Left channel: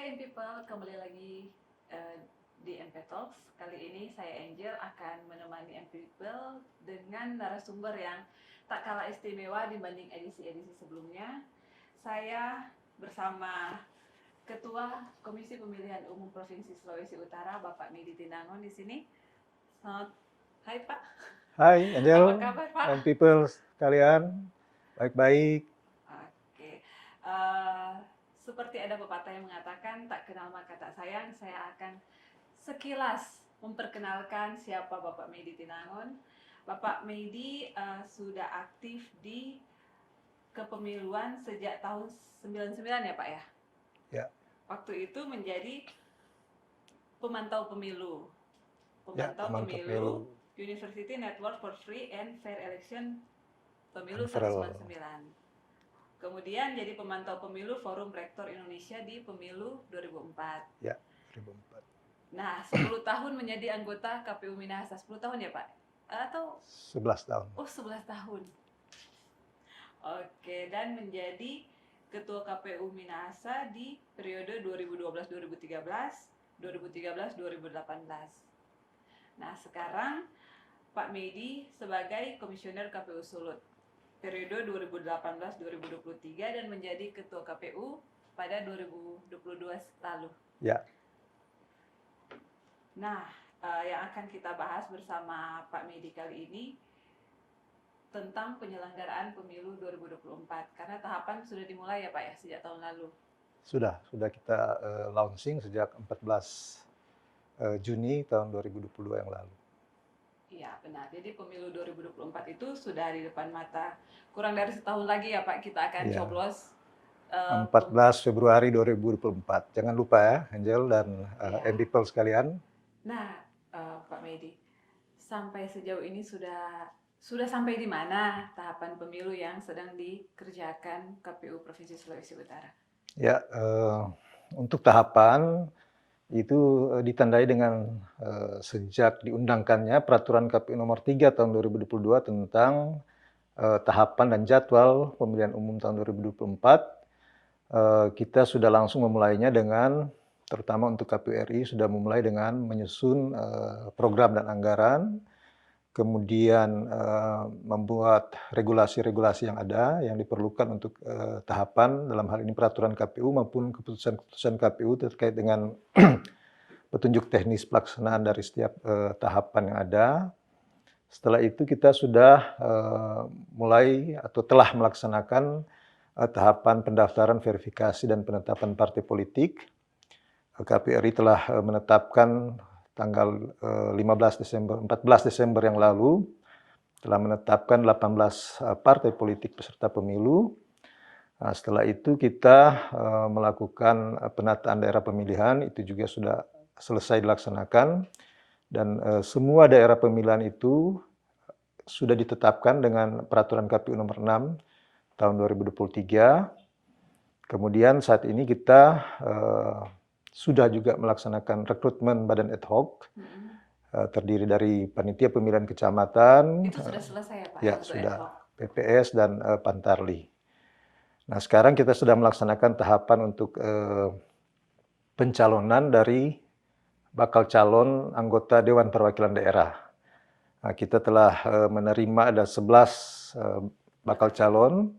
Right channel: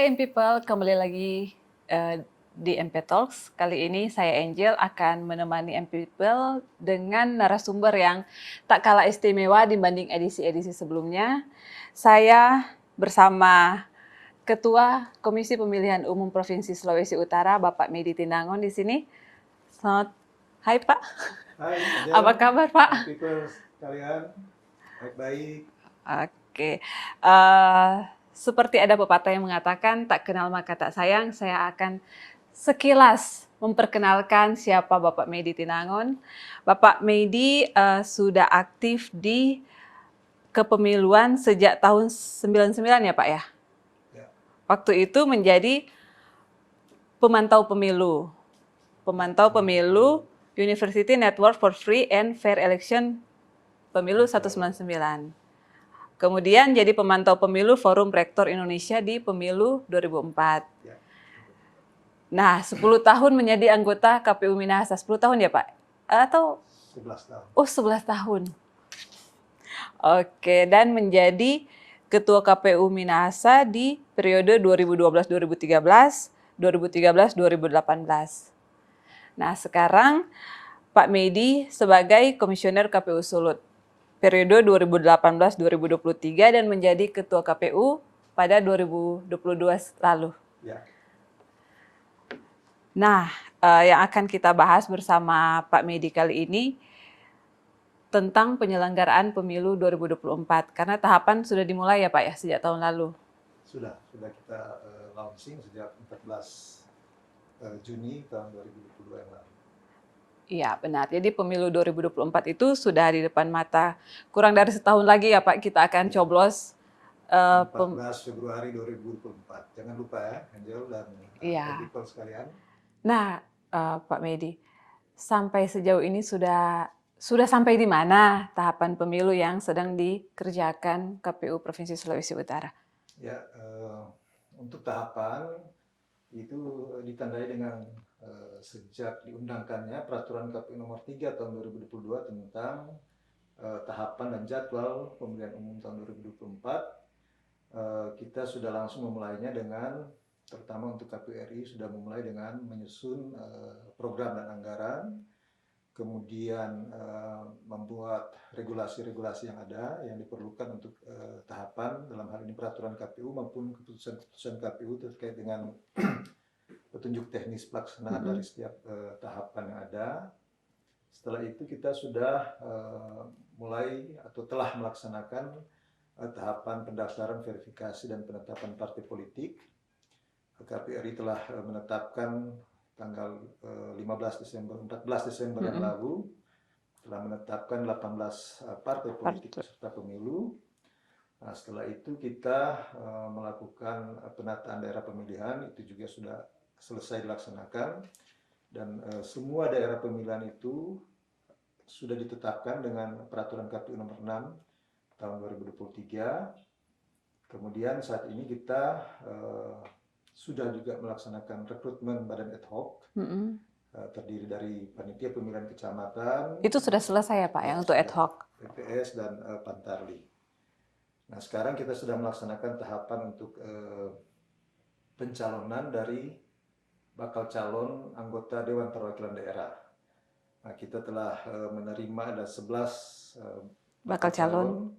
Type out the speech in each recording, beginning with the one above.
Hai M People, kembali lagi di MP Talks. Kali ini saya Angel akan menemani M People dengan narasumber yang tak kalah istimewa dibanding edisi-edisi sebelumnya. Saya bersama Ketua Komisi Pemilihan Umum Provinsi Sulawesi Utara, Bapak Medi Tinangon di sini. Selamat, hai Pak. Hai Angel, Apa kabar Pak? and people sekalian, baik-baik. Oke, seperti ada pepatah yang mengatakan tak kenal maka tak sayang, saya akan sekilas memperkenalkan siapa Bapak Medi Tinangon. Bapak Medi sudah aktif di kepemiluan sejak tahun 99 ya Pak ya? Ya. Waktu itu menjadi pemantau pemilu. Pemantau pemilu University Network for Free and Fair Election Pemilu 199. Kemudian jadi pemantau pemilu Forum Rektor Indonesia di pemilu 2004. Ya. Nah, 10 tahun menjadi anggota KPU Minahasa. 10 tahun ya Pak? Atau? 11 tahun. Oh, 11 tahun. Oke, dan menjadi Ketua KPU Minahasa di periode 2012-2013, 2013-2018. Nah, sekarang Pak Medi sebagai Komisioner KPU Sulut periode 2018-2023 dan menjadi Ketua KPU pada 2022 lalu. Ya. Nah, yang akan kita bahas bersama Pak Medi kali ini tentang penyelenggaraan pemilu 2024 karena tahapan sudah dimulai ya Pak ya sejak tahun lalu. Sudah kita launching sejak 14 Juni tahun 2022 yang lalu. Iya benar, jadi pemilu 2024 itu sudah di depan mata. Kurang dari setahun lagi ya Pak kita akan coblos. 14 Februari 2024. Jangan lupa ya Angel dan people sekalian. Nah Pak Medi, sampai sejauh ini sudah sampai di mana tahapan pemilu yang sedang dikerjakan KPU Provinsi Sulawesi Utara? Ya, untuk tahapan itu ditandai dengan sejak diundangkannya Peraturan KPU Nomor 3 Tahun 2022 tentang tahapan dan jadwal pemilihan umum tahun 2024, kita sudah langsung memulainya dengan, terutama untuk KPU RI, sudah memulai dengan menyusun program dan anggaran, kemudian membuat regulasi-regulasi yang ada yang diperlukan untuk tahapan, dalam hal ini peraturan KPU maupun keputusan-keputusan KPU terkait dengan petunjuk teknis pelaksanaan dari setiap tahapan yang ada. Setelah itu kita sudah mulai atau telah melaksanakan tahapan pendaftaran, verifikasi, dan penetapan partai politik. KPU RI telah menetapkan tanggal 14 Desember yang lalu, telah menetapkan 18 partai politik peserta pemilu. Nah, setelah itu kita melakukan penataan daerah pemilihan, itu juga sudah selesai dilaksanakan. Dan semua daerah pemilihan itu sudah ditetapkan dengan Peraturan KPU Nomor 6 tahun 2023. Kemudian saat ini kita sudah juga melaksanakan rekrutmen badan ad hoc, terdiri dari panitia pemilihan kecamatan. Itu sudah selesai ya Pak ya untuk ad hoc? PPS dan Pantarli. Nah, sekarang kita sudah melaksanakan tahapan untuk pencalonan dari bakal calon anggota Dewan Perwakilan Daerah. Nah, kita telah menerima ada 11 bakal calon,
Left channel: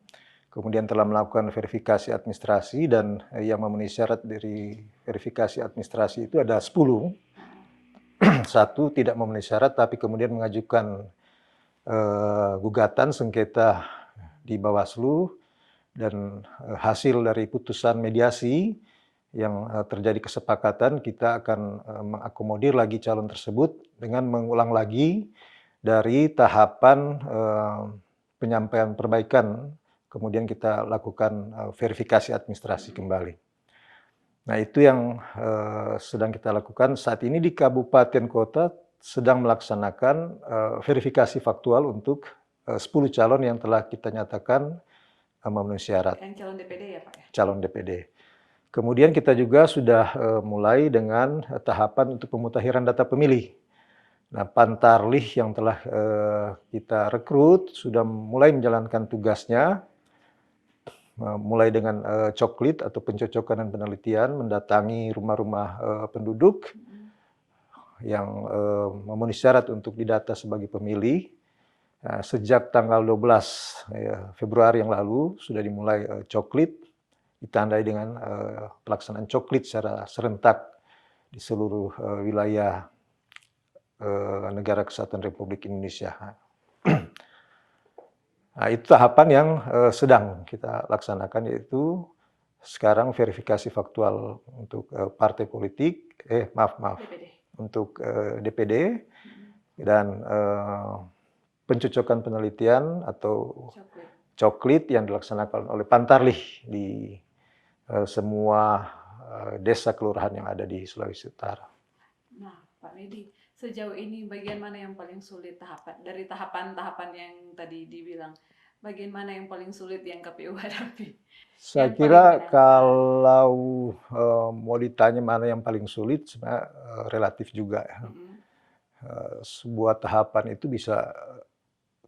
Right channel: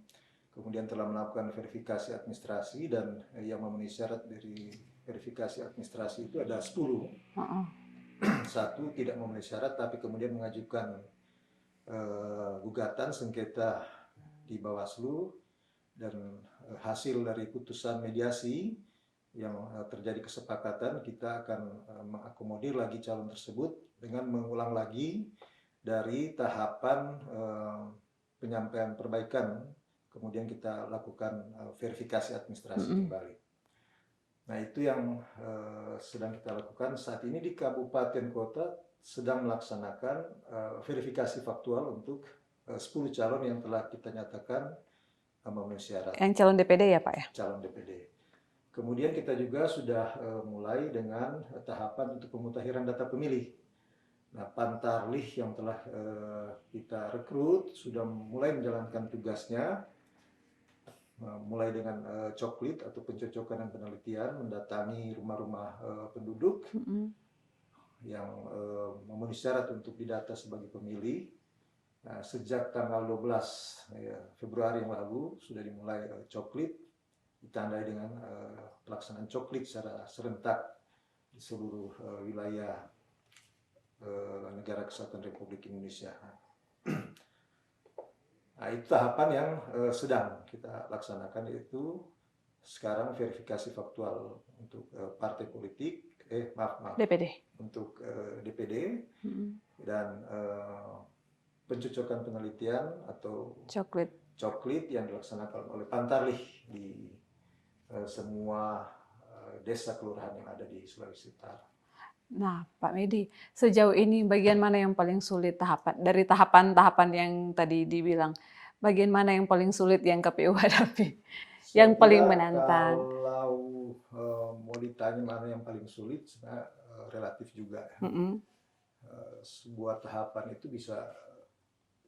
kemudian telah melakukan verifikasi administrasi, dan yang memenuhi syarat dari verifikasi administrasi itu ada 10. Satu tidak memenuhi syarat, tapi kemudian mengajukan gugatan sengketa di Bawaslu, dan hasil dari putusan mediasi yang terjadi kesepakatan, kita akan mengakomodir lagi calon tersebut dengan mengulang lagi dari tahapan penyampaian perbaikan, kemudian kita lakukan verifikasi administrasi kembali. Nah, itu yang sedang kita lakukan saat ini di kabupaten kota, sedang melaksanakan verifikasi faktual untuk 10 calon yang telah kita nyatakan memenuhi syarat. Yang calon DPD ya Pak ya? Calon DPD. Kemudian kita juga sudah mulai dengan tahapan untuk pemutahiran data pemilih. Nah, Pantarlih yang telah kita rekrut sudah mulai menjalankan tugasnya, mulai dengan coklit atau pencocokan dan penelitian, mendatangi rumah-rumah penduduk yang memenuhi syarat untuk didata sebagai pemilih. Nah, sejak tanggal 12 Februari yang lalu sudah dimulai coklit, ditandai dengan pelaksanaan coklit secara serentak di seluruh wilayah Negara Kesatuan Republik Indonesia. Nah, itu tahapan yang sedang kita laksanakan, yaitu sekarang verifikasi faktual untuk partai politik, DPD. untuk DPD, dan pencocokan penelitian atau coklit yang dilaksanakan oleh Pantarlih di semua desa kelurahan yang ada di Sulawesi Utara. Nah, Pak Medi, sejauh ini bagian mana yang paling sulit dari tahapan-tahapan yang tadi dibilang? Bagian mana yang paling sulit yang KPU hadapi? Saya Yang paling kira menantang? kalau mau ditanya mana yang paling sulit, sebenarnya relatif juga ya. Sebuah tahapan itu bisa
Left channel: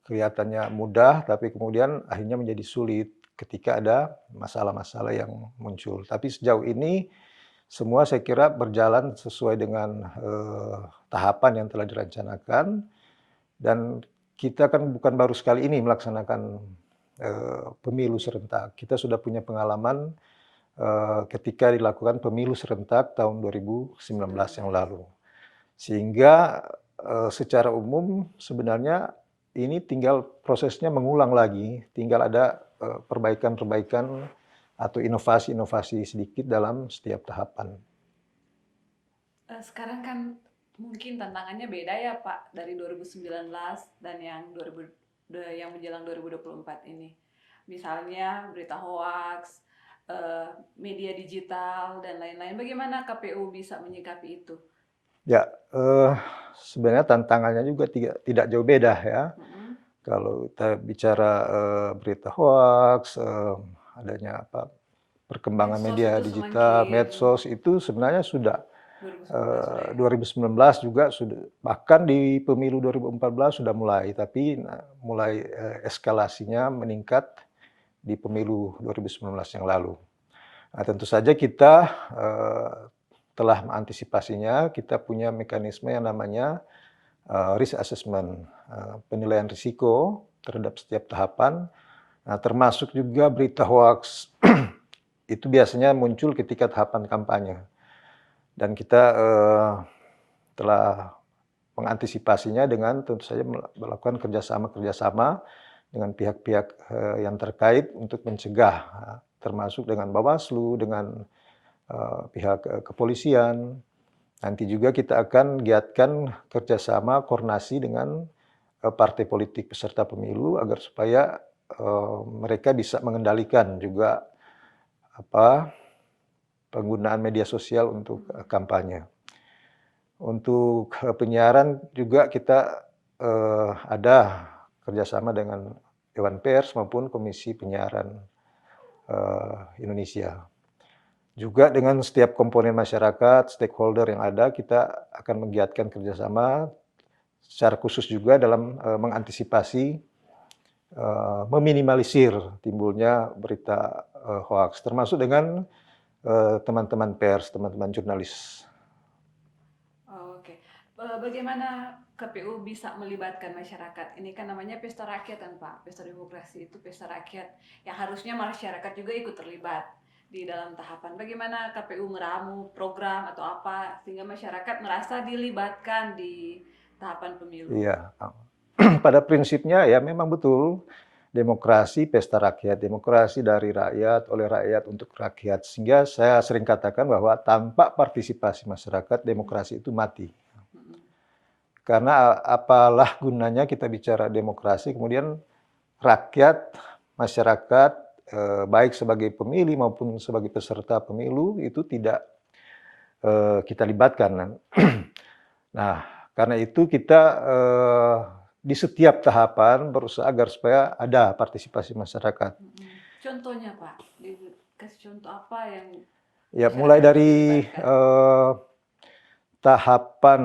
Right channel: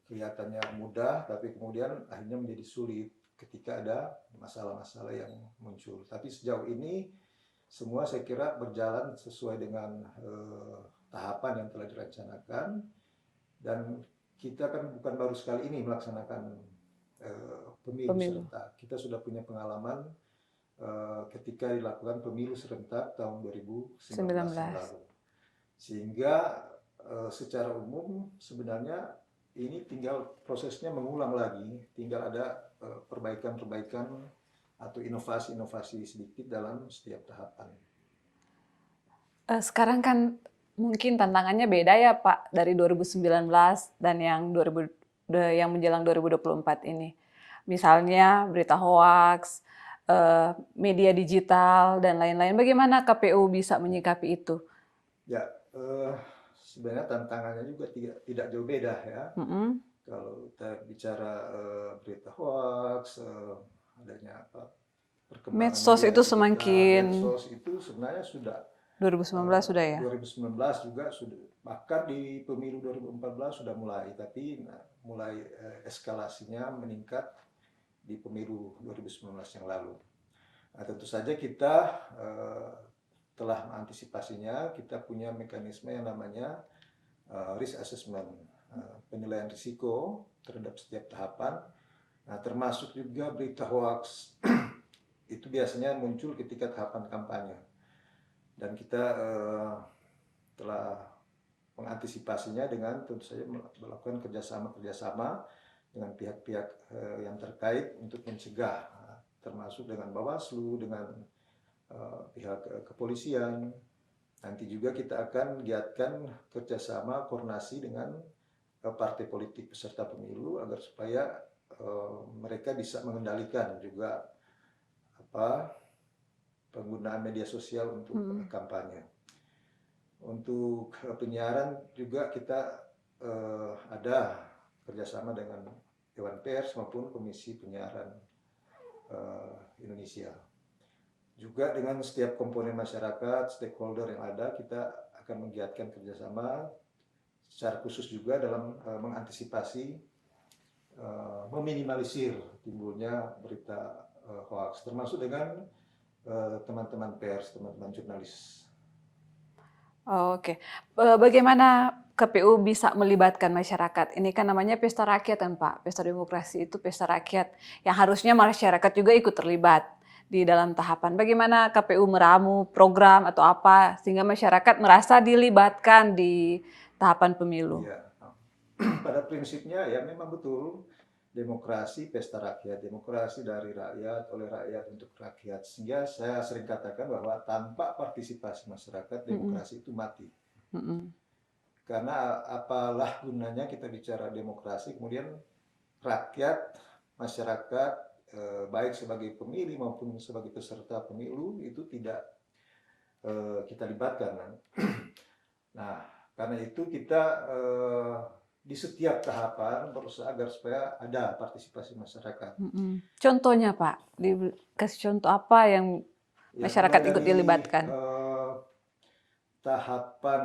kelihatannya mudah, tapi kemudian akhirnya menjadi sulit ketika ada masalah-masalah yang muncul. Tapi sejauh ini semua saya kira berjalan sesuai dengan tahapan yang telah direncanakan, dan kita kan bukan baru sekali ini melaksanakan pemilu serentak. Kita sudah punya pengalaman ketika dilakukan pemilu serentak tahun 2019 yang lalu. Sehingga secara umum sebenarnya ini tinggal prosesnya mengulang lagi, tinggal ada perbaikan-perbaikan atau inovasi-inovasi sedikit dalam setiap tahapan. Sekarang kan mungkin tantangannya beda ya Pak, dari 2019 dan yang menjelang 2024 ini. Misalnya berita hoaks, media digital, dan lain-lain. Bagaimana KPU bisa menyikapi itu? Ya, sebenarnya tantangannya juga tidak jauh beda ya. Kalau kita bicara berita hoaks, adanya perkembangan medsos media itu digital, medsos itu sebenarnya sudah 2019 sudah ya? 2019 juga sudah, bahkan di pemilu 2014 sudah mulai, tapi mulai eskalasinya meningkat di pemilu 2019 yang lalu. Nah, tentu saja kita telah mengantisipasinya, kita punya mekanisme yang namanya risk assessment, penilaian risiko terhadap setiap tahapan, nah, termasuk juga berita hoaks. Itu biasanya muncul ketika tahapan kampanye. Dan kita telah mengantisipasinya dengan tentu saja melakukan kerjasama dengan pihak-pihak yang terkait untuk mencegah, termasuk dengan Bawaslu, dengan pihak kepolisian. Nanti juga kita akan giatkan kerjasama koordinasi dengan partai politik peserta pemilu agar supaya mereka bisa mengendalikan juga penggunaan media sosial untuk kampanye. Untuk penyiaran juga kita ada kerjasama dengan Dewan Pers maupun Komisi Penyiaran Indonesia. Juga dengan setiap komponen masyarakat, stakeholder yang ada, kita akan menggiatkan kerjasama secara khusus juga dalam mengantisipasi, meminimalisir timbulnya berita hoaks, termasuk dengan teman-teman pers, teman-teman jurnalis. Oke, bagaimana KPU bisa melibatkan masyarakat? Ini kan namanya pesta rakyat kan Pak, pesta demokrasi itu pesta rakyat, yang harusnya masyarakat juga ikut terlibat di dalam tahapan. Bagaimana KPU meramu program atau apa sehingga masyarakat merasa dilibatkan di tahapan pemilu? Iya, pada prinsipnya ya memang betul. Demokrasi pesta rakyat, demokrasi dari rakyat, oleh rakyat, untuk rakyat. Sehingga saya sering katakan bahwa tanpa partisipasi masyarakat, demokrasi itu mati. Karena apalah gunanya kita bicara demokrasi, kemudian rakyat, masyarakat, baik sebagai pemilih maupun sebagai peserta pemilu, itu tidak kita libatkan. Nah, karena itu kita di setiap tahapan berusaha agar supaya ada partisipasi masyarakat. Contohnya Pak, dikasih contoh apa yang Ya, masyarakat mulai ikut dari dilibatkan? tahapan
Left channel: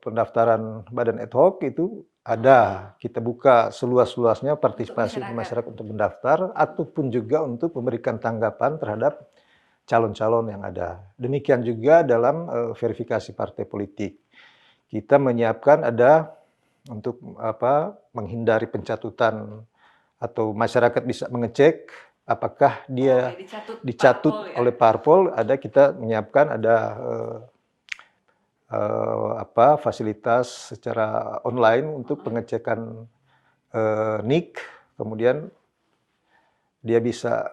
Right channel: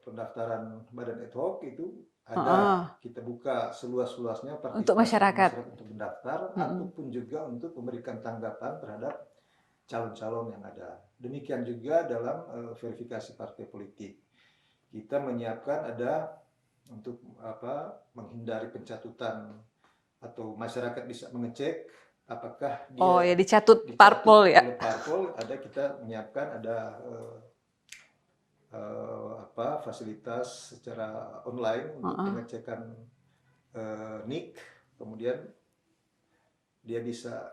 pendaftaran badan ad hoc itu Heeh, ada, kita buka seluas-luasnya untuk partisipasi masyarakat. masyarakat untuk mendaftar, Mhm. ataupun juga untuk memberikan tanggapan terhadap calon-calon yang ada. Demikian juga dalam verifikasi partai politik. Kita menyiapkan ada untuk menghindari pencatutan atau masyarakat bisa mengecek apakah Oh ya, dia dicatut dicatut parpol ya? oleh parpol, ada kita menyiapkan ada fasilitas secara online untuk Heeh. pengecekan NIK, kemudian dia bisa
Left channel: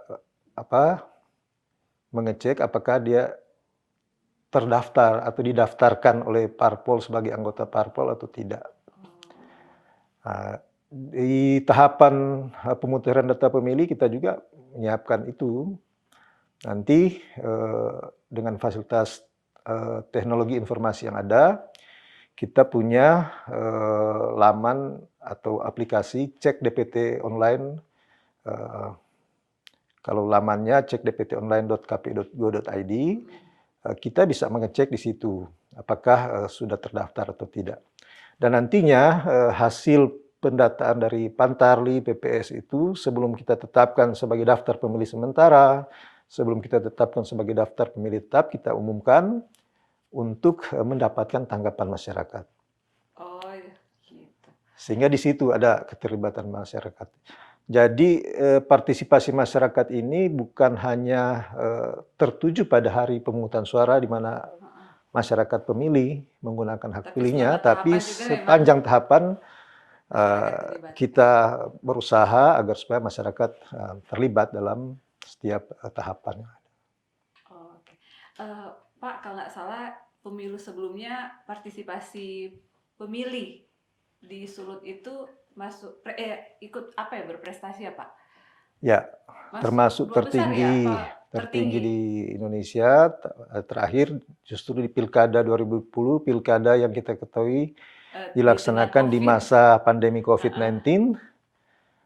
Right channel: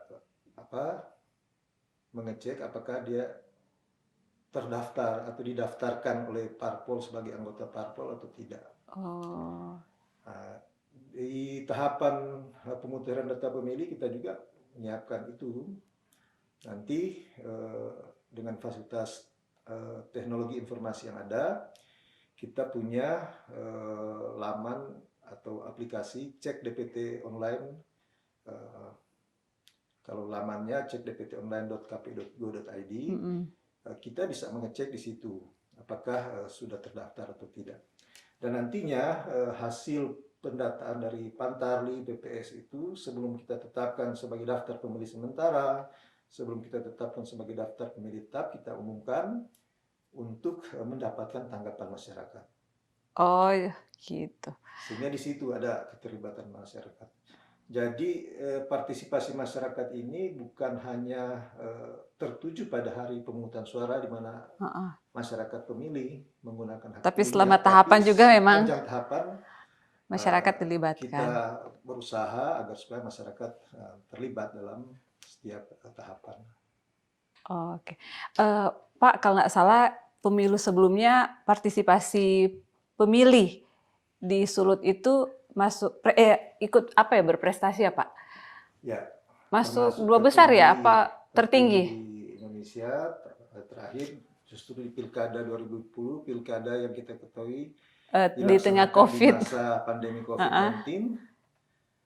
apa mengecek apakah dia terdaftar atau didaftarkan oleh parpol sebagai anggota parpol atau tidak. Oh. Nah, di tahapan pemutaran data pemilih kita juga menyiapkan itu. Nanti dengan fasilitas teknologi informasi yang ada, kita punya laman atau aplikasi cek DPT online. eh, Kalau lamannya cekdptonline.kpu.go.id, Mhm. kita bisa mengecek di situ apakah sudah terdaftar atau tidak. Dan nantinya hasil pendataan dari Pantarli, PPS itu sebelum kita tetapkan sebagai daftar pemilih sementara, sebelum kita tetapkan sebagai daftar pemilih tetap, kita umumkan untuk mendapatkan tanggapan masyarakat. Oh, ya, gitu. Sehingga di situ ada keterlibatan masyarakat. Jadi partisipasi masyarakat ini bukan hanya tertuju pada hari pemungutan suara di mana Heeh. masyarakat pemilih menggunakan hak Tapi selama pilihnya, tapi tahapan juga memang sepanjang tahapan masyarakat dilibatkan. kita berusaha agar supaya masyarakat terlibat dalam setiap tahapan. Oke. Pak, kalau nggak salah pemilu sebelumnya partisipasi pemilih di Sulut itu ikut apa ya, berprestasi ya, Pak? Ya, Masuk termasuk 2 besar ya? tertinggi Apa tertinggi tertinggi? di Indonesia. Terakhir justru di Pilkada 2010, pilkada yang kita ketahui Di tengah dilaksanakan di Covid. masa pandemi Heeh. COVID-19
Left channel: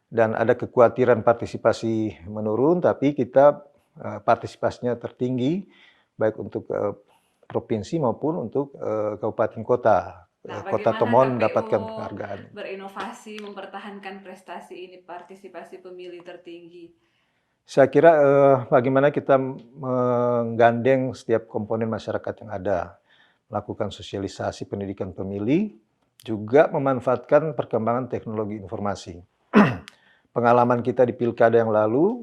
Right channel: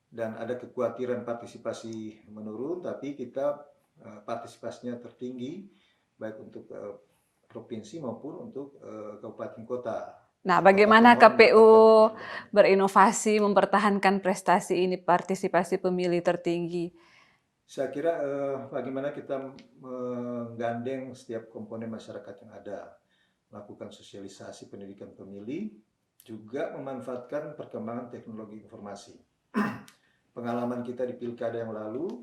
dan ada kekhawatiran partisipasi menurun, tapi kita partisipasinya tertinggi baik untuk provinsi maupun untuk kabupaten kota. Nah, Kota bagaimana Tomon KPU mendapatkan penghargaan. berinovasi mempertahankan prestasi ini, partisipasi pemilih tertinggi? Saya kira bagaimana kita menggandeng setiap komponen masyarakat yang ada, melakukan sosialisasi pendidikan pemilih, juga memanfaatkan perkembangan teknologi informasi. Pengalaman kita di pilkada yang lalu,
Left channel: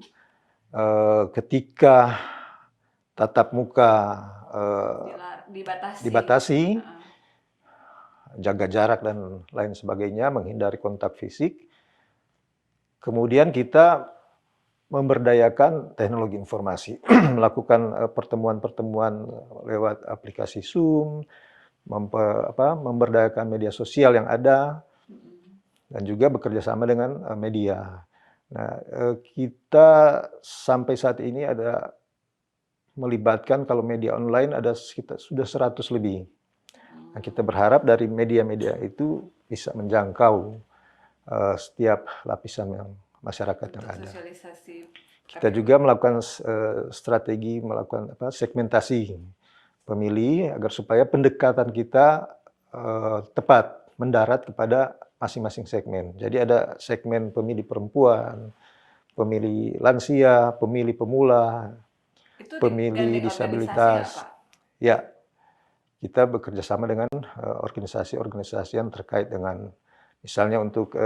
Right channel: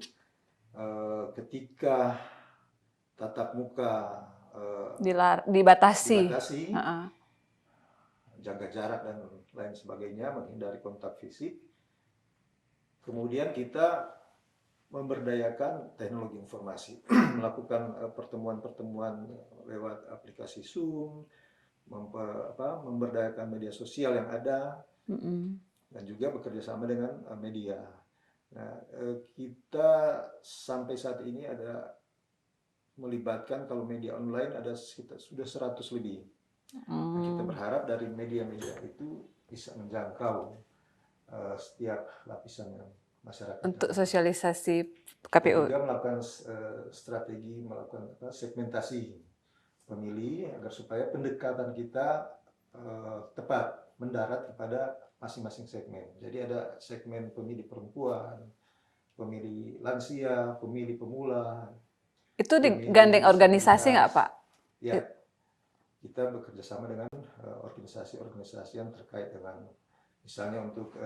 ketika tatap muka Dibatasi. dibatasi, Heeh. jaga jarak dan lain sebagainya, menghindari kontak fisik, kemudian kita memberdayakan teknologi informasi, melakukan pertemuan-pertemuan lewat aplikasi Zoom, memberdayakan media sosial yang ada, Mhm. dan juga bekerja sama dengan media. Nah, kita sampai saat ini ada melibatkan kalau media online ada sekitar sudah 100 lebih. Nah, kita Mmm. berharap dari media-media itu bisa menjangkau setiap lapisan yang masyarakat yang Untuk ada. sosialisasi Kita KPU. juga melakukan strategi melakukan segmentasi pemilih agar supaya pendekatan kita tepat mendarat kepada masing-masing segmen. Jadi ada segmen pemilih perempuan, pemilih lansia, pemilih pemula, Itu pemilih digandeng organisasi nggak, disabilitas. Pak? Ya, kita bekerja sama dengan organisasi-organisasi yang terkait dengan misalnya untuk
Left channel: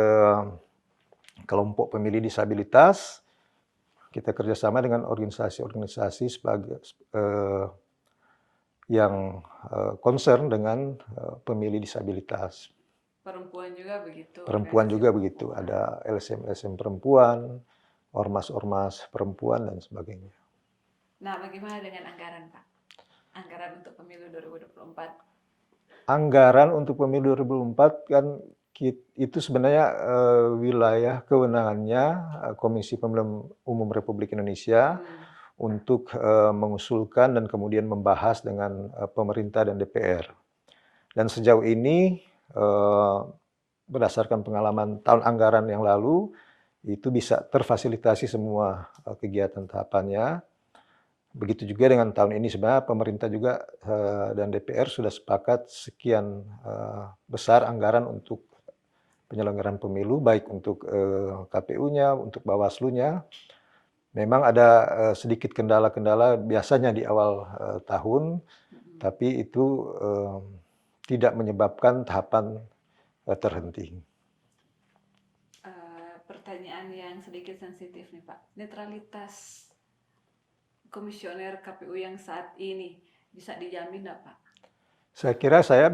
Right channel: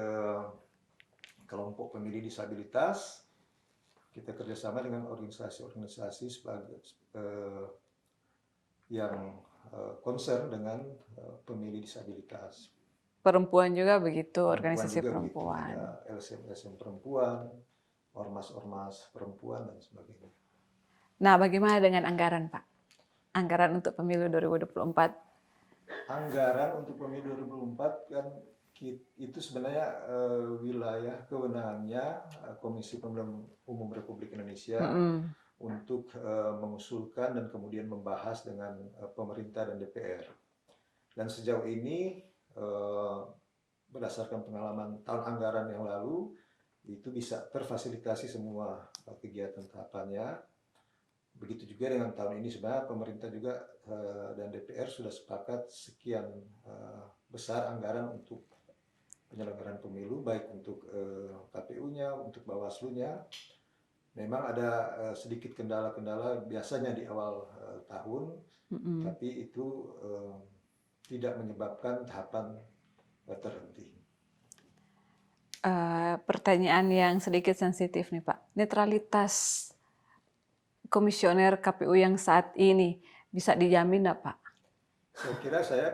kelompok pemilih disabilitas, kita kerjasama dengan organisasi-organisasi sebagai yang concern dengan pemilih disabilitas. Perempuan juga begitu, Perempuan organisasi juga begitu, perempuan. ada LSM-LSM perempuan, ormas-ormas perempuan, dan sebagainya. Nah, bagaimana dengan anggaran, Pak? Anggaran untuk pemilu 2024? Anggaran untuk pemilu 2024 kan itu sebenarnya wilayah kewenangannya Komisi Pemilihan Umum Republik Indonesia Mhm. untuk mengusulkan dan kemudian membahas dengan pemerintah dan DPR. Dan sejauh ini berdasarkan pengalaman tahun anggaran yang lalu, itu bisa terfasilitasi semua kegiatan tahapannya. Begitu juga dengan tahun ini sebenarnya pemerintah juga dan DPR sudah sepakat sekian besar anggaran untuk penyelenggaraan pemilu, baik untuk KPU-nya, untuk Bawaslu-nya. Memang ada sedikit kendala-kendala biasanya di awal tahun, tapi itu tidak menyebabkan tahapan terhenti. Pertanyaan yang sedikit sensitif nih Pak, netralitas komisioner KPU yang saat ini bisa dijamin nggak Pak? Saya kira saya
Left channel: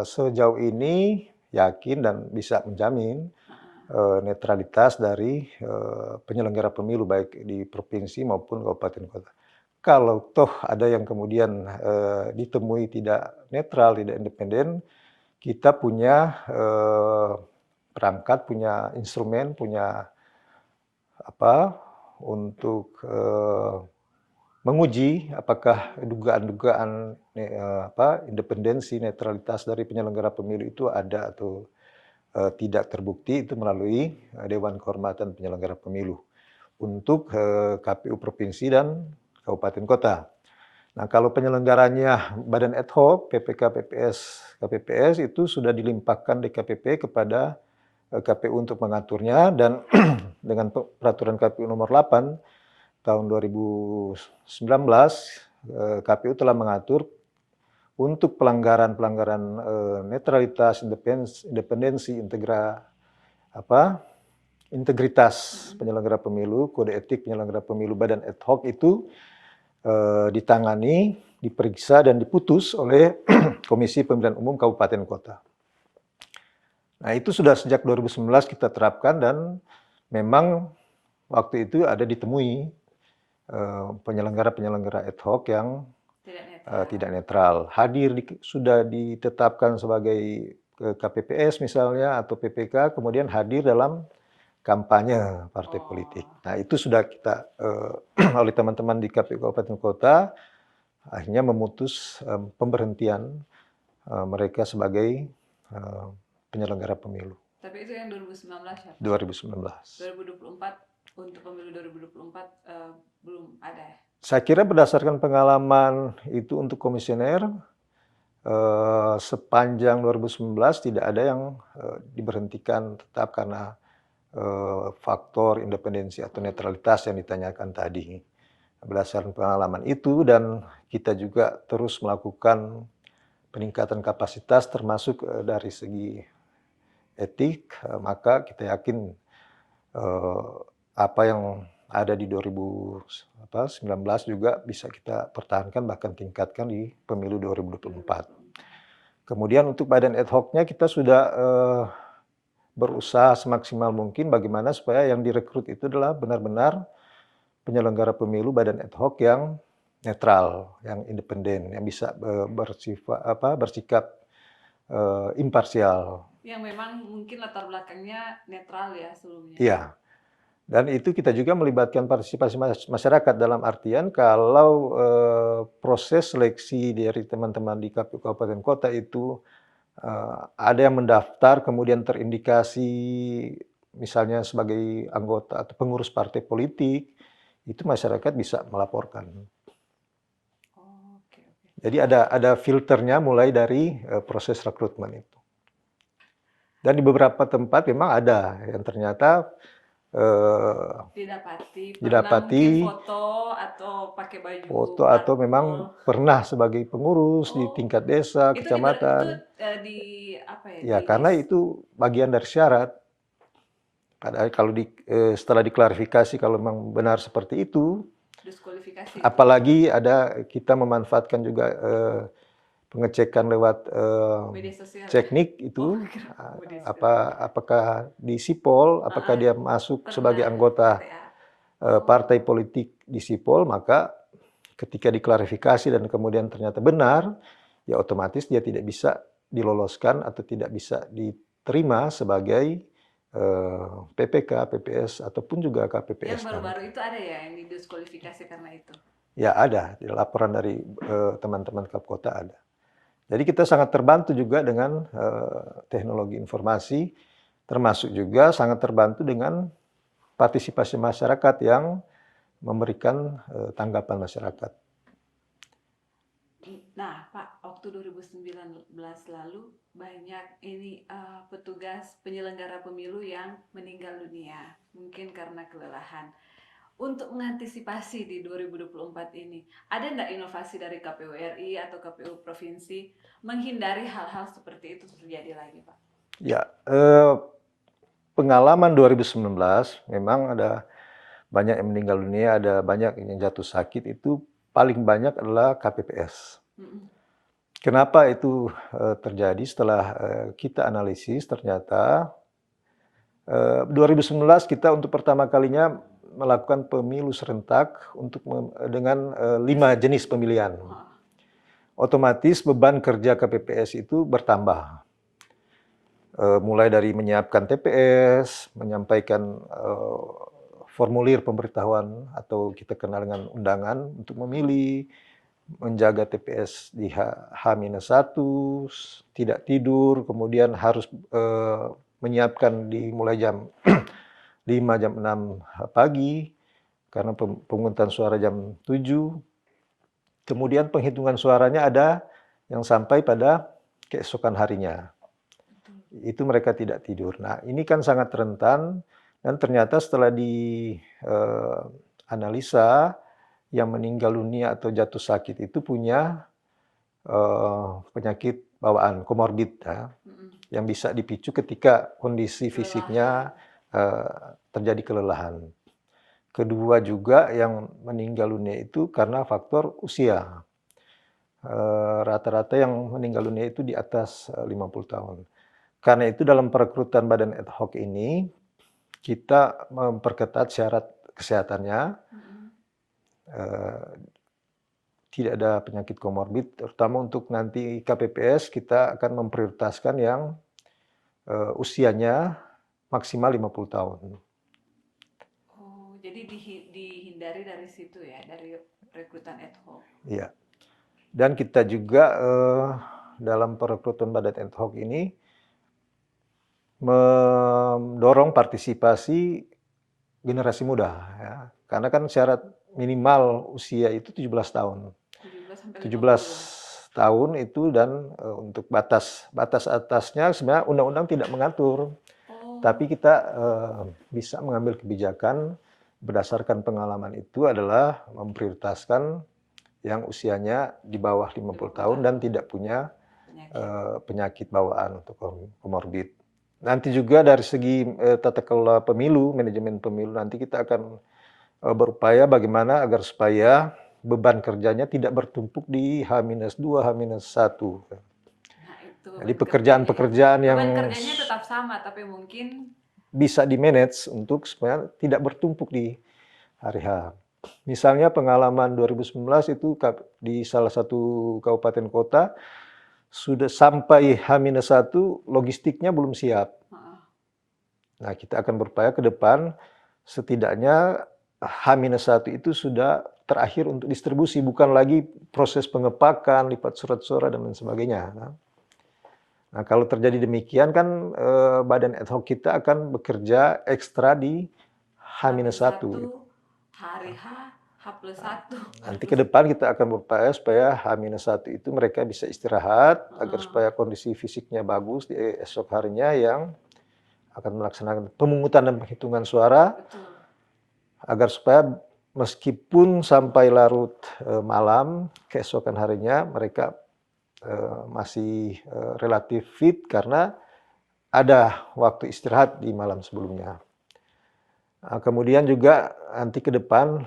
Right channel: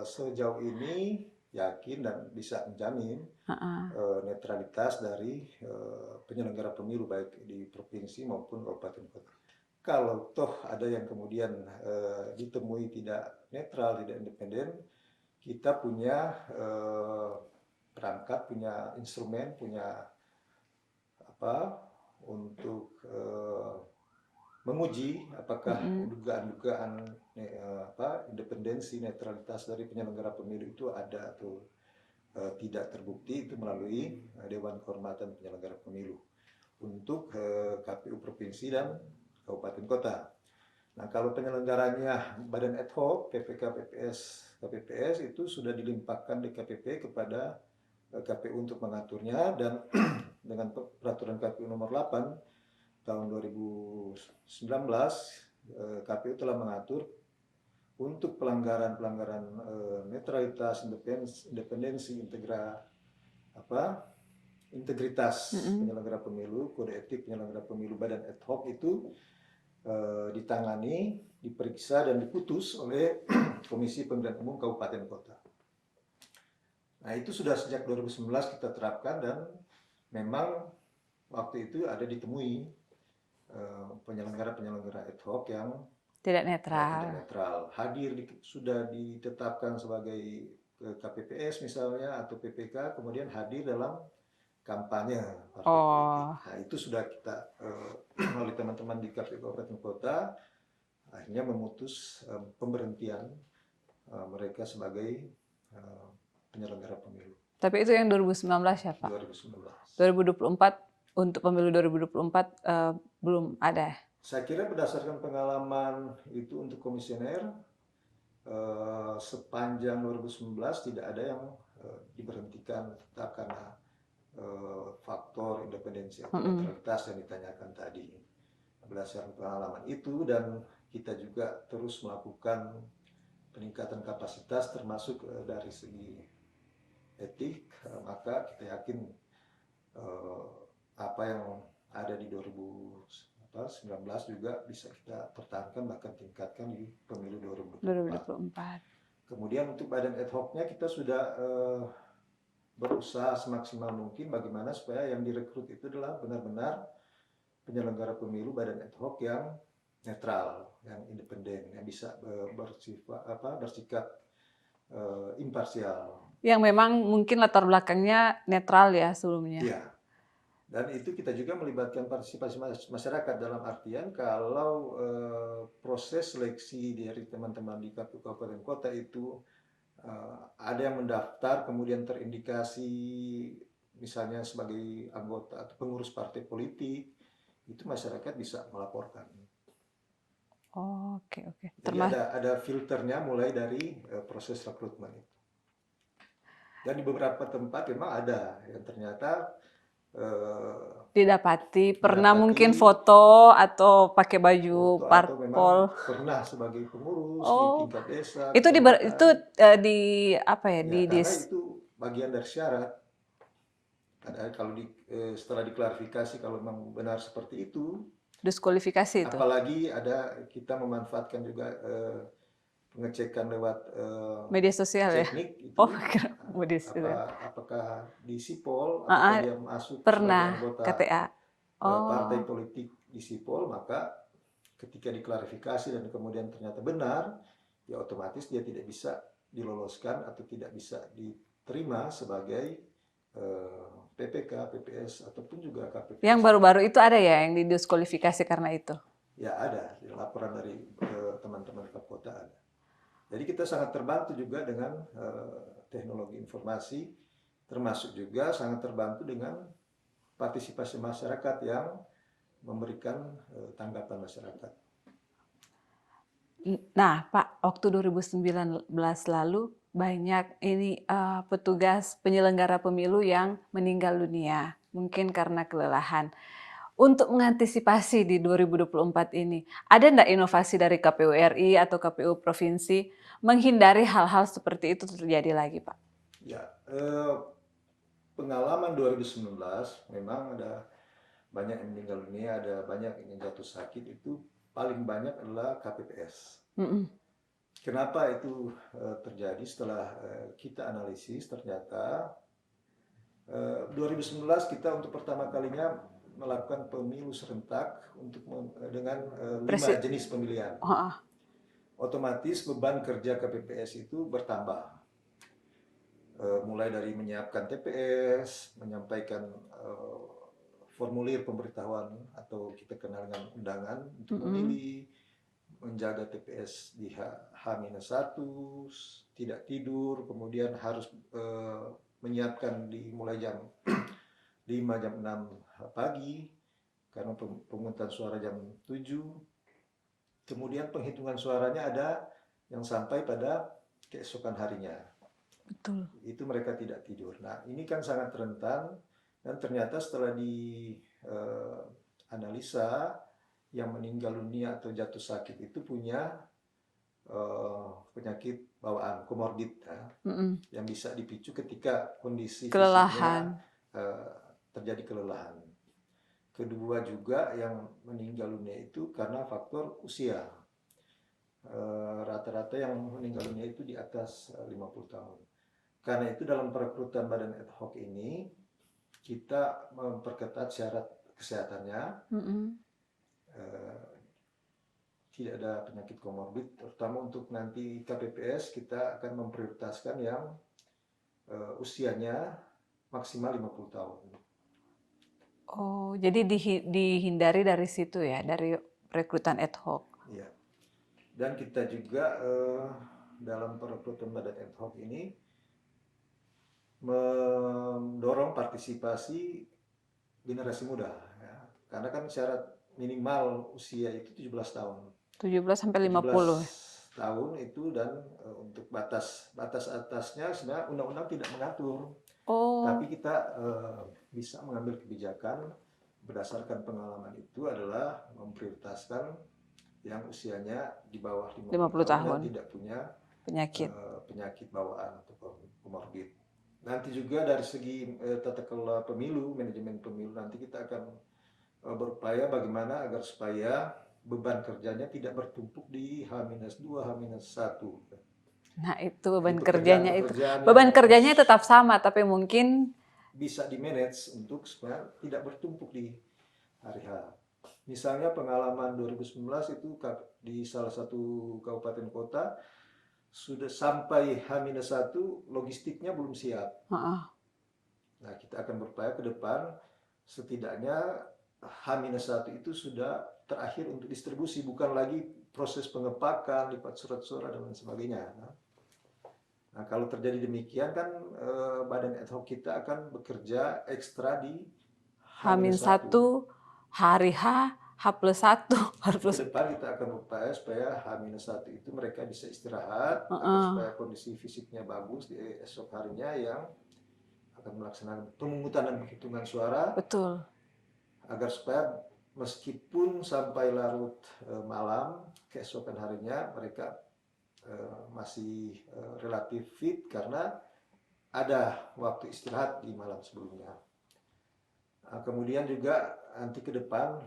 sejauh ini yakin dan bisa menjamin netralitas dari penyelenggara pemilu baik di provinsi maupun kabupaten kota. Kalau toh ada yang kemudian ditemui tidak netral, tidak independen, kita punya perangkat, punya instrumen, punya apa untuk menguji apakah dugaan-dugaan independensi, netralitas dari penyelenggara pemilu itu ada atau tidak terbukti, itu melalui Dewan Kehormatan Penyelenggara Pemilu untuk KPU provinsi dan kabupaten kota. Nah, kalau penyelenggaranya badan ad hoc, PPK, PPS, KPPS itu sudah dilimpahkan DKPP kepada KPU untuk mengaturnya, dan dengan peraturan KPU nomor 8 tahun 2019, KPU telah mengatur untuk pelanggaran-pelanggaran netralitas, independensi, integritas penyelenggara pemilu, kode etik penyelenggara pemilu badan ad hoc itu ditangani, diperiksa, dan diputus oleh Komisi Pemilihan Umum Kabupaten Kota. Nah, itu sudah sejak 2019 kita terapkan, dan memang waktu itu ada ditemui penyelenggara-penyelenggara ad hoc yang tidak netral. Hadir sudah ditetapkan sebagai KPPS misalnya atau PPK, kemudian hadir dalam kampanye partai politik. Nah, itu sudah kita oleh teman-teman di KPU Kabupaten Kota akhirnya memutus pemberhentian mereka sebagai penyelenggara pemilu. Tapi itu yang 2019 ya Pak? 2019. 2024, untuk pemilu 2024 belum ada? Saya kira berdasarkan pengalaman itu untuk komisioner, sepanjang 2019 tidak ada yang diberhentikan tetap karena faktor independensi atau netralitas yang ditanyakan tadi. Berdasarkan pengalaman itu, dan kita juga terus melakukan peningkatan kapasitas termasuk dari segi etik, maka kita yakin apa yang ada di 2019 juga bisa kita pertahankan, bahkan tingkatkan di pemilu 2024. Kemudian untuk badan ad hoc-nya kita sudah berusaha semaksimal mungkin bagaimana supaya yang direkrut itu adalah benar-benar penyelenggara pemilu badan ad hoc yang netral, yang independen, yang bisa bersikap imparsial. Yang memang mungkin latar belakangnya netral ya sebelumnya. Iya. Dan itu kita juga melibatkan partisipasi masyarakat, dalam artian kalau proses seleksi dari teman-teman di KPU Kabupaten Kota itu ada yang mendaftar kemudian terindikasi misalnya sebagai anggota atau pengurus partai politik, itu masyarakat bisa melaporkan. Oke. Jadi ada filternya mulai dari proses rekrutmen itu. Dan di beberapa tempat memang ada yang ternyata didapati mungkin foto atau pakai baju foto atau memang pernah sebagai pengurus di tingkat desa, itu kecamatan. Karena itu bagian dari syarat. Padahal kalau setelah diklarifikasi kalau memang benar seperti itu, diskualifikasi itu. Apalagi kita memanfaatkan juga pengecekan lewat media sosial, teknik ya? Itu apakah di Sipol, apakah dia masuk sebagai anggota partai politik di Sipol, maka ketika diklarifikasi dan kemudian ternyata benar, ya otomatis dia tidak bisa diloloskan atau tidak bisa diterima sebagai PPK, PPS ataupun juga KPPS. Yang baru-baru itu ada ya yang didiskualifikasi karena itu? Ya ada, laporan dari teman-teman Kapkota ada. Jadi kita sangat terbantu juga dengan teknologi informasi, termasuk juga sangat terbantu dengan partisipasi masyarakat yang memberikan tanggapan masyarakat. Nah, Pak, waktu 2019 lalu banyak ini petugas penyelenggara pemilu yang meninggal dunia, mungkin karena kelelahan. Untuk mengantisipasi di 2024 ini, ada ndak inovasi dari KPU RI atau KPU provinsi menghindari hal-hal seperti itu terjadi lagi, Pak? Ya, pengalaman 2019 memang ada banyak yang meninggal dunia, ada banyak yang jatuh sakit, itu paling banyak adalah KPPS. Mhm. Kenapa itu terjadi? Setelah kita analisis, ternyata 2019 kita untuk pertama kalinya melakukan pemilu serentak dengan 5 jenis pemilihan. Heeh. Otomatis beban kerja KPPS itu bertambah. Mulai dari menyiapkan TPS, menyampaikan formulir pemberitahuan atau kita kenal dengan undangan untuk memilih, menjaga TPS di H-1, tidak tidur, kemudian harus menyiapkan mulai jam 5, jam 6 pagi, karena pemungutan suara jam 7. Kemudian penghitungan suaranya ada yang sampai pada keesokan harinya. Betul. Itu mereka tidak tidur. Nah, ini kan sangat rentan, dan ternyata setelah dianalisa, yang meninggal dunia atau jatuh sakit itu punya penyakit bawaan, komorbid, ya, yang bisa dipicu ketika kondisi fisiknya terjadi kelelahan. Kedua juga yang meninggal dunia itu karena faktor usia. Rata-rata yang meninggal dunia itu di atas 50 tahun. Karena itu dalam perekrutan badan ad hoc ini, kita memperketat syarat kesehatannya, tidak ada penyakit komorbid, terutama untuk nanti KPPS kita akan memprioritaskan yang usianya maksimal 50 tahun. Oh, jadi dihindari dari situ ya, dari rekrutan ad hoc. Iya. Dan kita juga dalam perekrutan badan ad hoc ini mendorong partisipasi generasi muda, ya. Karena kan syarat minimal usia itu 17 tahun. 17 sampai 17 50. tahun itu, dan untuk batas atasnya sebenarnya undang-undang tidak mengatur. Tapi kita bisa mengambil kebijakan berdasarkan pengalaman itu adalah memprioritaskan yang usianya di bawah 50 tahun dan tidak punya penyakit bawaan atau komorbid. Nanti juga dari segi tata kelola pemilu, manajemen pemilu, nanti kita akan berupaya bagaimana agar supaya beban kerjanya tidak bertumpuk di H-2, H-1. Nah, itu Jadi pekerjaan-pekerjaan yang beban kerjanya tetap sama, tapi mungkin bisa di-manage untuk supaya tidak bertumpuk di hari H. Misalnya pengalaman 2019 itu di salah satu kabupaten kota, sudah sampai H-1 logistiknya belum siap. Nah, kita akan berupaya ke depan setidaknya H-1 itu sudah terakhir untuk distribusi, bukan lagi proses pengepakan, lipat surat suara dan lain sebagainya. Nah, kalau terjadi demikian kan badan ad hoc kita akan bekerja ekstra di H-1. Hari H+1. Nanti ke depan kita akan berupaya supaya H-1 itu mereka bisa istirahat, agar supaya kondisi fisiknya bagus di esok harinya yang akan melaksanakan pemungutan dan penghitungan suara. Betul. Agar supaya meskipun sampai larut malam, keesokan harinya mereka masih relatif fit karena ada waktu istirahat di malam sebelumnya. Nah, kemudian juga nanti ke depan,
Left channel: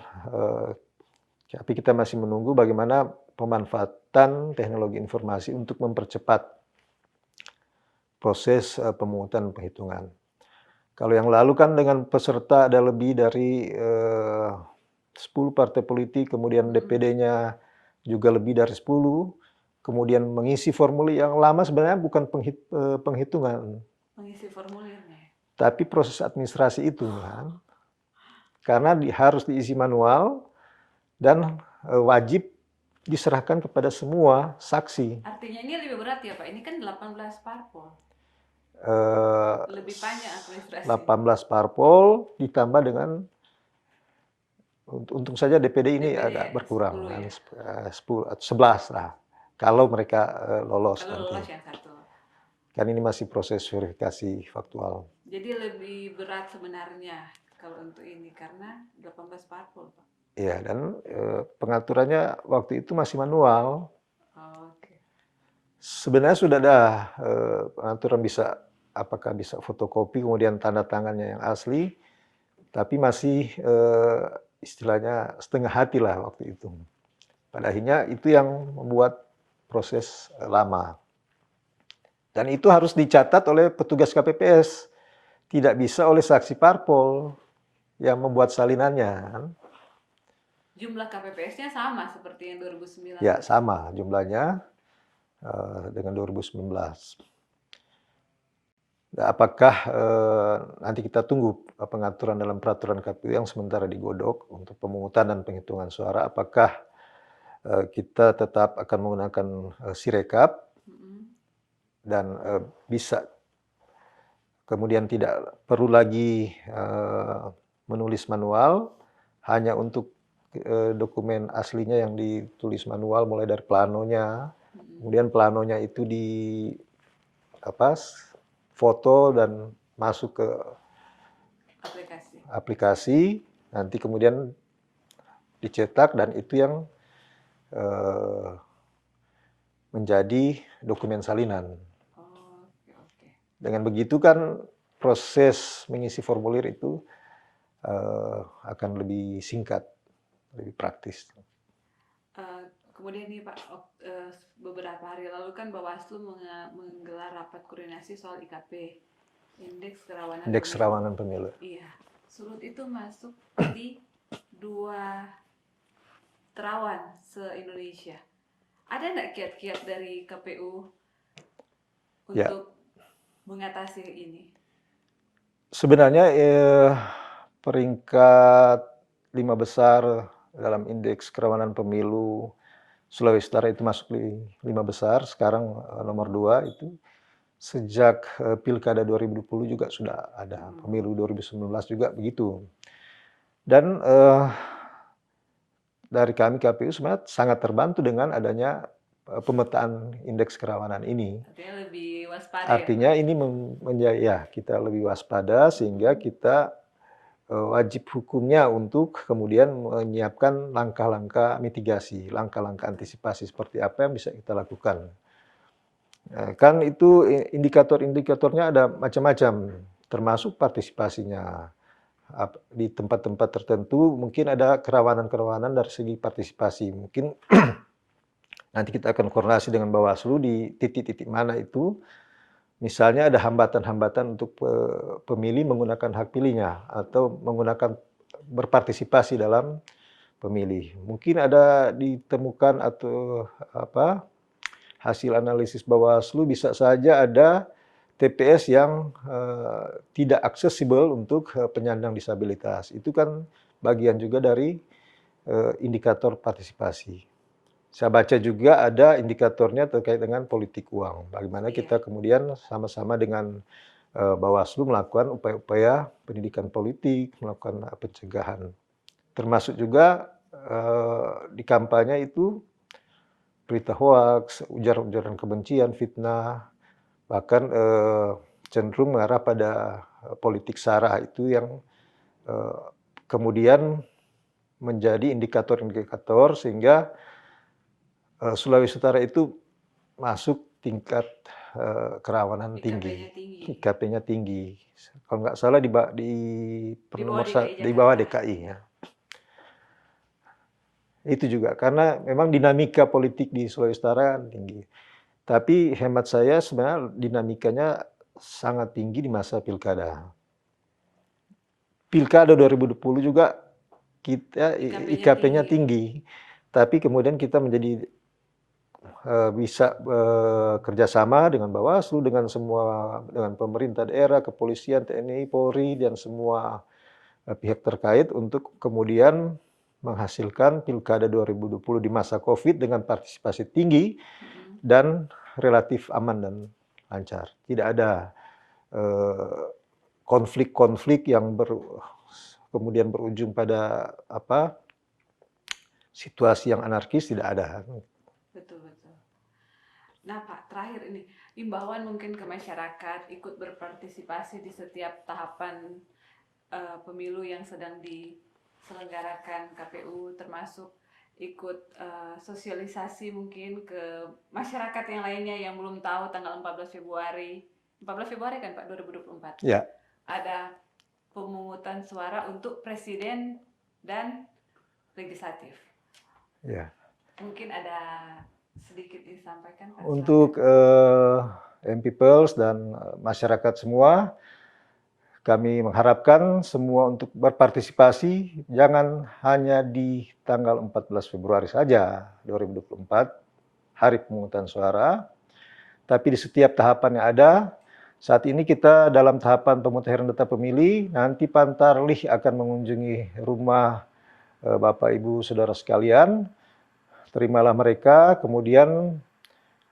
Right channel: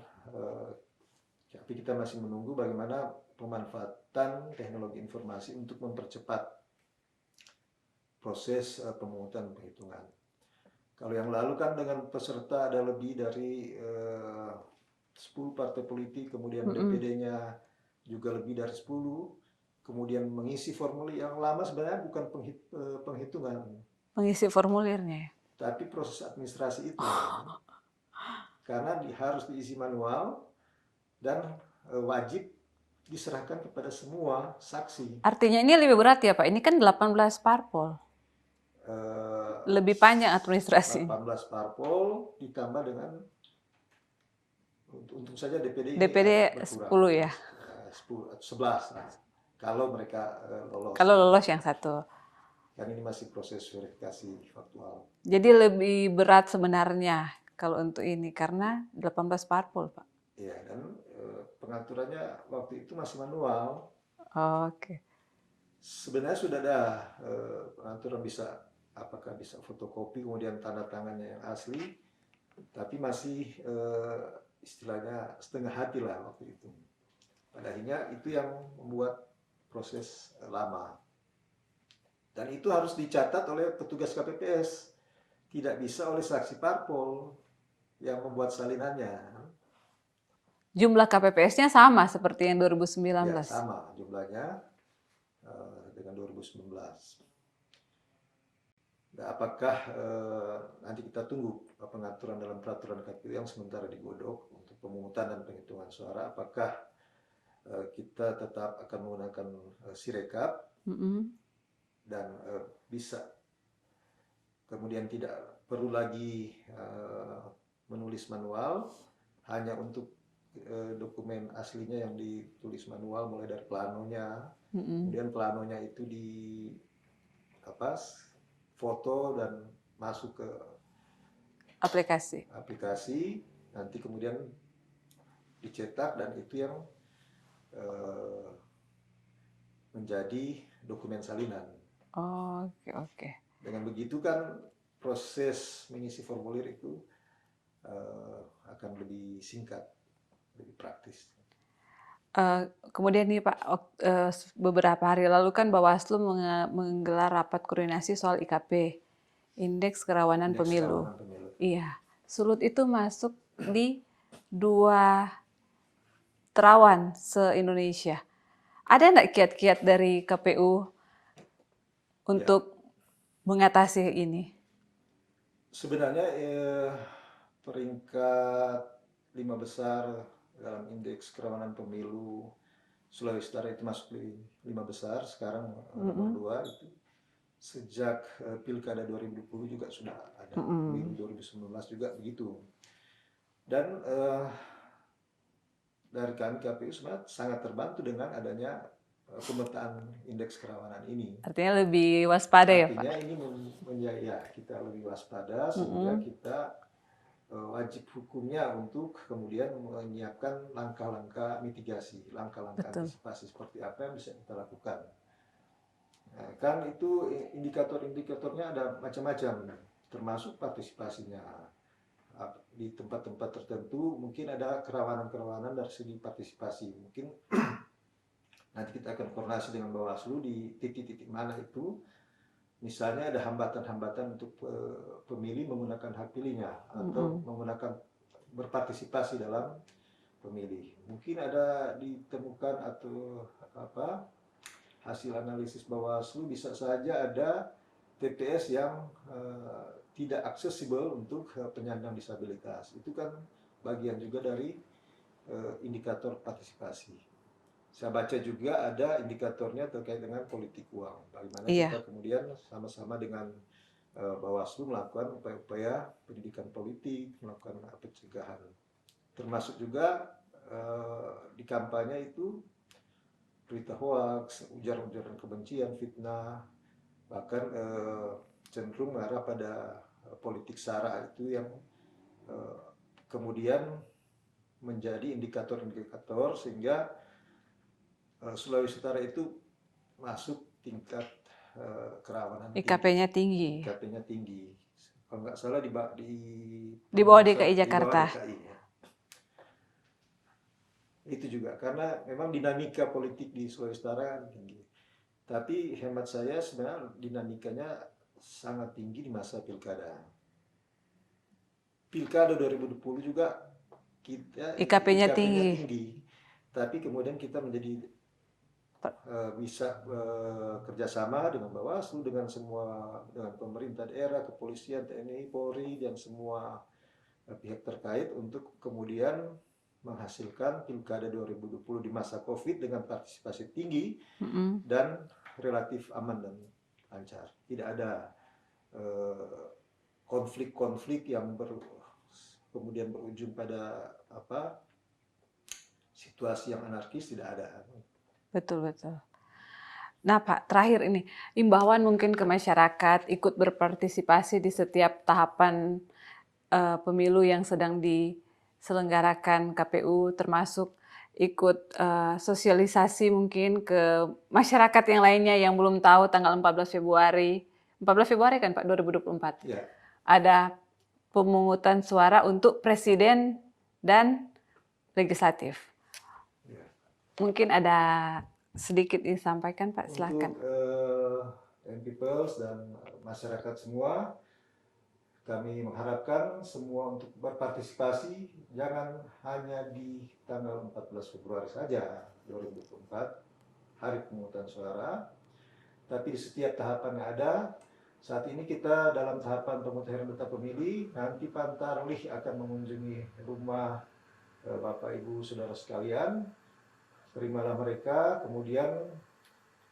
tapi kita masih menunggu bagaimana pemanfaatan teknologi informasi untuk mempercepat proses pemungutan penghitungan. Kalau yang lalu kan dengan peserta ada lebih dari 10 partai politik, kemudian DPD-nya juga lebih dari 10, kemudian mengisi formulir yang lama sebenarnya bukan penghitungan. Mengisi formulirnya. Tapi proses administrasi itu. Karena harus diisi manual dan wajib diserahkan kepada semua saksi. Artinya ini lebih berat ya Pak, ini kan 18 parpol. Lebih panjang administrasi. 18 parpol ditambah dengan untung saja DPD ini agak berkurang. 10 ya? 10 atau 11 lah. Kalau mereka lolos. Kalau lolos yang satu. Kan ini masih proses verifikasi faktual. Jadi lebih berat sebenarnya kalau untuk ini karena 18 parpol, Pak. Ya, dan pengaturannya waktu itu masih manual. Oke. Sebenarnya sudah ada pengaturan apakah bisa fotokopi kemudian tanda tangannya yang asli, tapi masih istilahnya setengah hati lah waktu itu. Pada akhirnya itu yang membuat proses lama. Dan itu harus dicatat oleh petugas KPPS, tidak bisa oleh saksi parpol yang membuat salinannya. Jumlah KPPS-nya sama seperti yang 2019. Ya, sama jumlahnya dengan 2019. Apakah nanti kita tunggu pengaturan dalam peraturan KPU yang sementara digodok untuk pemungutan dan penghitungan suara, apakah kita tetap akan menggunakan Sirekap dan bisa kemudian tidak perlu lagi menulis manual, hanya untuk dokumen aslinya yang ditulis manual mulai dari planonya, kemudian planonya itu foto dan masuk ke aplikasi, nanti kemudian dicetak dan itu yang menjadi dokumen salinan. Oke. Dengan begitu kan proses mengisi formulir itu akan lebih singkat, lebih praktis. Kemudian nih Pak, beberapa hari lalu kan Bawaslu menggelar rapat koordinasi soal IKP, Indeks Kerawanan Pemilu. Iya, Sulut itu masuk di 2 terawan se-Indonesia. Ada nggak kiat-kiat dari KPU untuk mengatasi ini? Sebenarnya peringkat 5 besar dalam indeks kerawanan pemilu Sulawesi Utara itu masuk di 5 besar, sekarang nomor 2 itu. Sejak Pilkada 2020 juga sudah ada, pemilu 2019 juga begitu. Dan dari kami KPU sebenarnya sangat terbantu dengan adanya pemetaan indeks kerawanan ini. Artinya lebih waspada ya Pak? Artinya ini kita lebih waspada sehingga kita wajib hukumnya untuk kemudian menyiapkan langkah-langkah mitigasi, langkah-langkah antisipasi seperti apa yang bisa kita lakukan. Kan itu indikator-indikatornya ada macam-macam, termasuk partisipasinya. Di tempat-tempat tertentu mungkin ada kerawanan-kerawanan dari segi partisipasi. Mungkin nanti kita akan koordinasi dengan Bawaslu di titik-titik mana itu. Misalnya ada hambatan-hambatan untuk pemilih menggunakan hak pilihnya atau menggunakan berpartisipasi dalam pemilih. Mungkin ada ditemukan atau hasil analisis Bawaslu bisa saja ada TPS yang tidak aksesibel untuk penyandang disabilitas. Itu kan bagian juga dari indikator partisipasi. Saya baca juga ada indikatornya terkait dengan politik uang. Bagaimana kita kemudian sama-sama dengan Bawaslu melakukan upaya-upaya pendidikan politik, melakukan pencegahan. Termasuk juga di kampanye itu berita hoaks, ujaran-ujaran kebencian, fitnah, bahkan cenderung mengarah pada politik sara itu yang kemudian menjadi indikator-indikator sehingga Sulawesi Utara itu masuk tingkat kerawanan tinggi. IKP-nya tinggi. Kalau nggak salah di bawah DKI Jakarta. Di bawah DKI ya. Itu juga karena memang dinamika politik di Sulawesi Utara tinggi. Tapi hemat saya sebenarnya dinamikanya sangat tinggi di masa pilkada. Pilkada 2020 juga kita IKP-nya tinggi. Tapi kemudian kita bisa kerjasama dengan Bawaslu, dengan pemerintah daerah, kepolisian, TNI, Polri, dan semua pihak terkait untuk kemudian menghasilkan Pilkada 2020 di masa COVID dengan partisipasi tinggi dan relatif aman dan lancar. Tidak ada konflik-konflik yang kemudian berujung pada situasi yang anarkis, tidak ada. Betul. Nah, Pak, terakhir ini, imbauan mungkin ke masyarakat ikut berpartisipasi di setiap tahapan pemilu yang sedang diselenggarakan KPU, termasuk ikut sosialisasi mungkin ke masyarakat yang lainnya yang belum tahu tanggal 14 Februari. 14 Februari kan Pak 2024. Ya, Ada pemungutan suara untuk presiden dan legislatif. ya. Mungkin ada sedikit disampaikan Pak, silakan. Untuk MPiPels dan masyarakat semua, kami mengharapkan semua untuk berpartisipasi, jangan hanya di tanggal 14 Februari saja 2024, hari pemungutan suara, tapi di setiap tahapan yang ada. Saat ini kita dalam tahapan pemutahiran data pemilih, nanti Pantarlih akan mengunjungi rumah Bapak Ibu Saudara sekalian, terimalah mereka, kemudian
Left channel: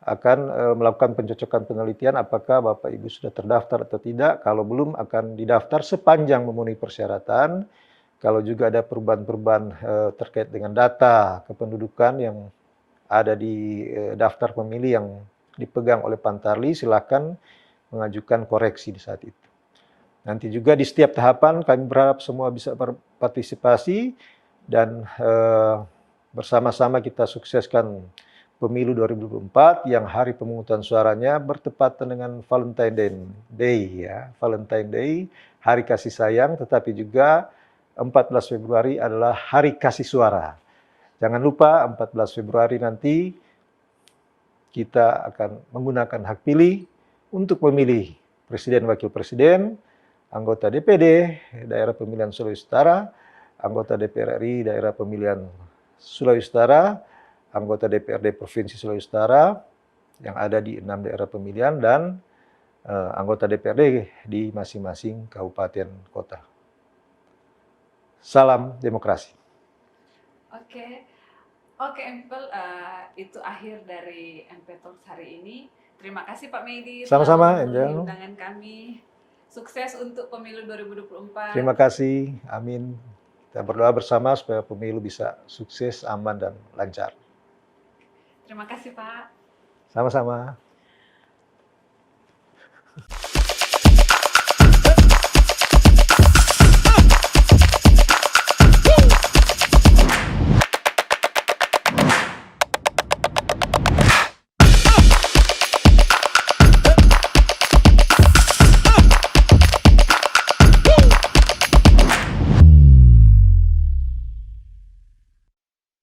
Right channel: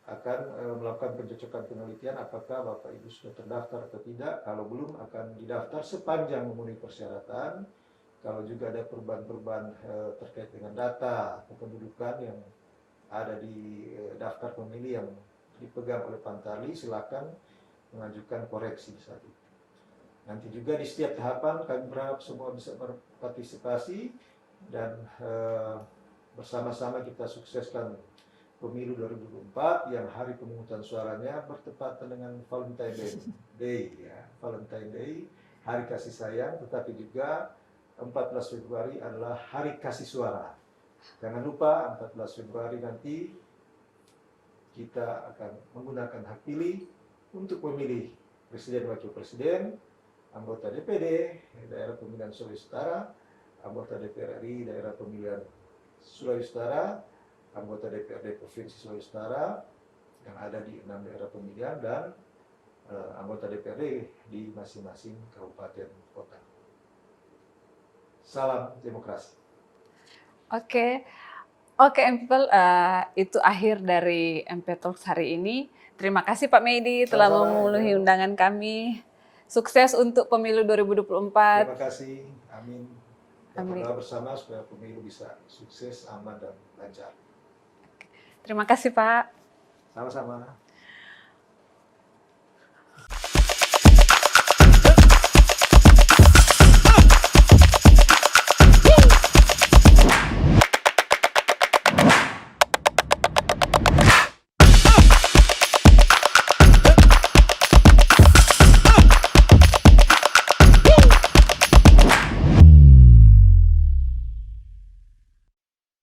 akan melakukan pencocokan penelitian apakah Bapak Ibu sudah terdaftar atau tidak. Kalau belum akan didaftar sepanjang memenuhi persyaratan. Kalau juga ada perubahan-perubahan terkait dengan data kependudukan yang ada di daftar pemilih yang dipegang oleh Pantarlih, silakan mengajukan koreksi di saat itu. Nanti juga di setiap tahapan kami berharap semua bisa berpartisipasi dan bersama-sama kita sukseskan pemilu 2024 yang hari pemungutan suaranya bertepatan dengan Valentine Day ya. Valentine Day, hari kasih sayang, tetapi juga 14 Februari adalah hari kasih suara. Jangan lupa 14 Februari nanti kita akan menggunakan hak pilih untuk memilih presiden, wakil presiden, anggota DPD daerah pemilihan Sulawesi Utara, anggota DPR RI daerah pemilihan Sulawesi Utara, anggota DPRD Provinsi Sulawesi Utara yang ada di 6 daerah pemilihan, dan anggota DPRD di masing-masing kabupaten kota. Salam demokrasi. Oke, MPiPel, itu akhir dari MP Talks hari ini. Terima kasih Pak Medi telah Sama-sama, memenuhi Angel. undangan kami. Sukses untuk pemilu 2024. Terima kasih, amin. Kita Amin. berdoa bersama supaya pemilu bisa sukses, aman, dan lancar. Terima kasih Pak. Sama-sama.